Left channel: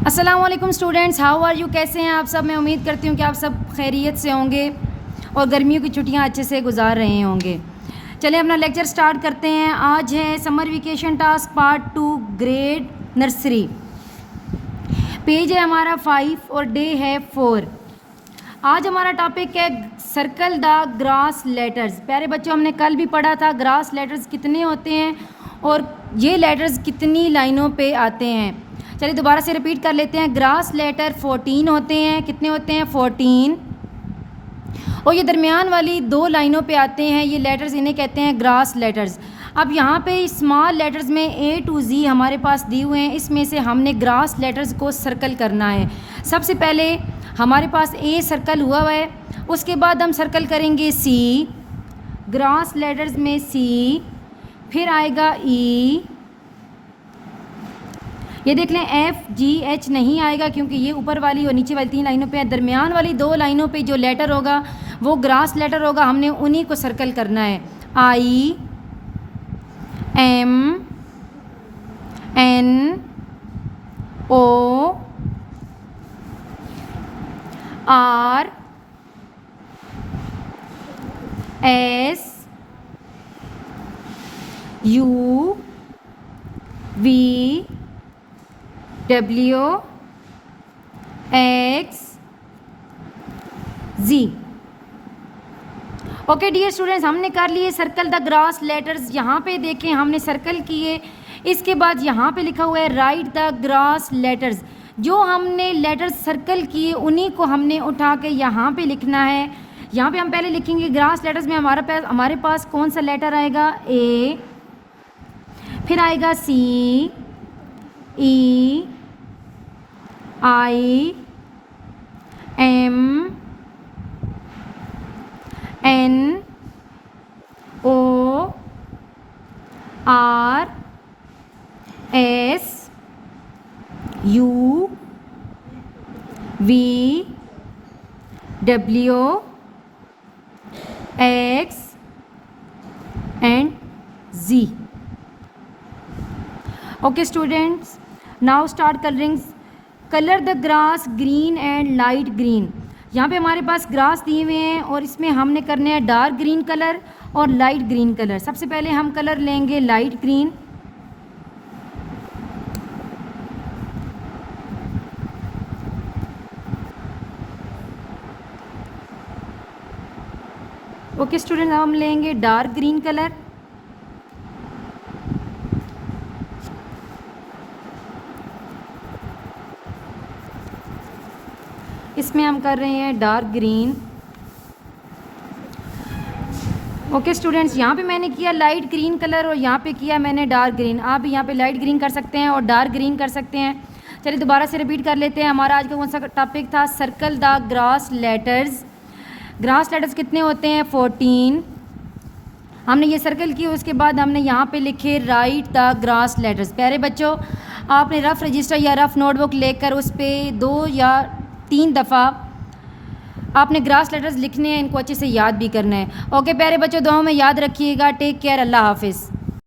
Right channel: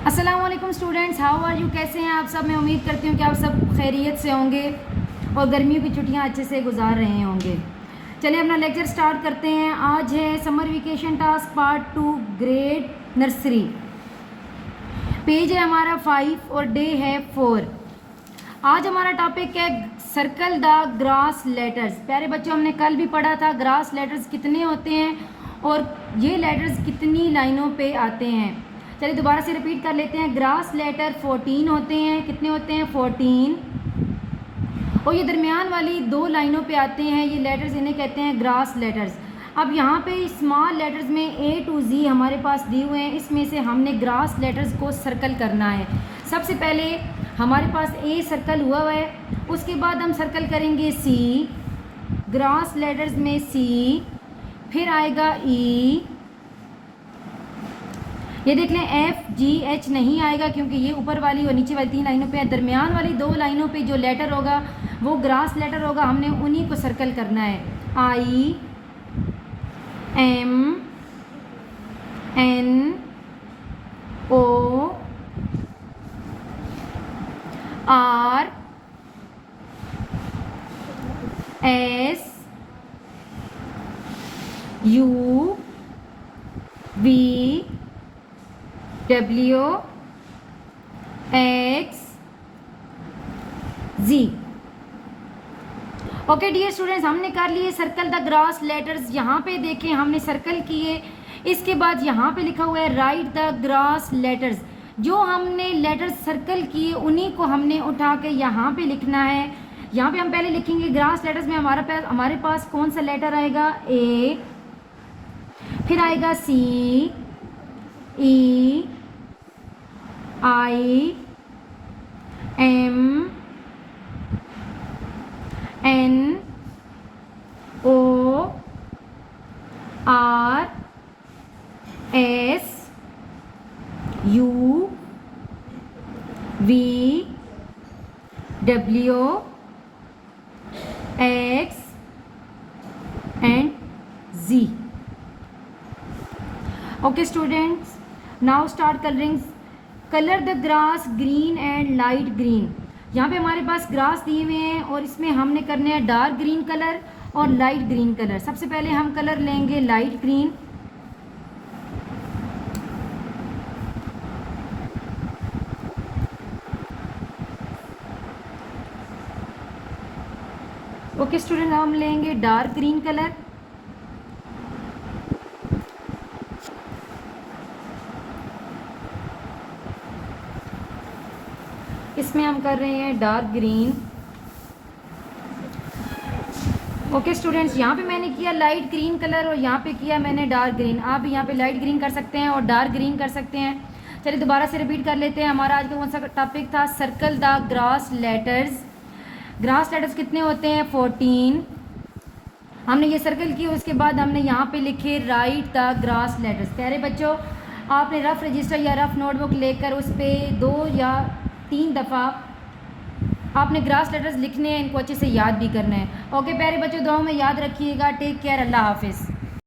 अस्सलाम वालेकुम students, how are you, कैसे हैं आप सब। मैं उम्मीद करती हूँ कि आप सब खैरियत से होंगे और गर्मियों की छुट्टियाँ अच्छे से गुजार रहे होंगे। चलिए अपना लेक्चर स्टार्ट करते हैं। आज है summer vacation task part 2 grade nursery. Page है हमारा 5 और डे है 4। आज हमारा टॉपिक है सर्कल द ग्रास लेटर्स। प्यारे बच्चों, हमने कल भी पढ़ा था ग्रास लेटर्स कितने होते हैं और ये लेटर्स कितनी लाइनों पे आते हैं। चलिए दोबारा से रिपीट कर लेते हैं। ग्रास लेटर 14 होते हैं। कितने होते हैं? 14। और ये दरमियान वाली 2 लाइनों पे आते हैं ये लेटर्स, इन्हें कहते हैं ग्रास लेटर्स। अब यहाँ पे स्मॉल लेटर्स में A to Z हमारे पास दिए हुए हैं, इसमें से हमने ग्रास लेटर्स को सर्कल करना है। सबसे पहले हमारे पास A सर्कल हुआ है, उसके बाद हम सर्कल करेंगे C, ग्रास लेटर्स में C, फिर आएगा E, ये देख लें F G H नहीं आएगा क्योंकि ये ऊपर वाली और नीचे वाली 3 लाइनों पे है। दरमियान वाली 2 लाइनों पे जो लेटर होगा वो ग्रास लेटर होगा, हमने उन्हीं को सर्कल करना है। I M N O R S U V W X Z। Okay dear students, हमने कर लिए सर्कल द ग्रास लेटर्स। यहाँ पे देखें हमने सर्कल किए, इसके बाद यहाँ पे लिखा हुआ है राइट द ग्रास लेटर्स। जो हमने लेटर्स सर्कल किए उन्हीं को हमने उठा के यहाँ पे लिखना है। यहाँ पे हम पहले लिखेंगे ग्रास लेटर्स में हमारे पास कौन सा लेटर आएगा? A, फिर आएगा C, E, I, M, N, O, R, S, U, V, W, X and Z। Okay students, now start colour the grass green and light green. यहाँ पे हमारे पास ग्रास दिए हुए हैं और इसमें हमने करने हैं डार्क ग्रीन कलर और लाइट ग्रीन कलर। सबसे पहले हम कलर लेंगे लाइट ग्रीन। ओके स्टूडेंट, हम लेंगे डार्क ग्रीन कलर। इसमें हम कर रहे हैं डार्क ग्रीन। ओके स्टूडेंट्स, यहाँ पे मैंने किया लाइट ग्रीन कलर और यहाँ पे किया मैंने डार्क ग्रीन। आप यहाँ पे लाइट ग्रीन कर सकते हैं और डार्क ग्रीन कर सकते हैं। चलिए दोबारा से रिपीट कर लेते हैं। हमारा आज का कौन सा टॉपिक था? Circle the grass letters. Grass letters कितने होते हैं? 14। हमने ये सर्कल किए, उसके बाद हमने यहाँ पे लिखे राइट द ग्रास लेटर्स। प्यारे बच्चों, आपने रफ़ रजिस्टर या रफ़ नोटबुक लेकर उस पर 2 या 3 दफ़ा आपने ग्रास लेटर्स लिखने हैं, इनको अच्छे से याद भी करना है। ओके प्यारे बच्चों, दुआओं में याद रखिएगा। टेक केयर, अल्लाह हाफिज़।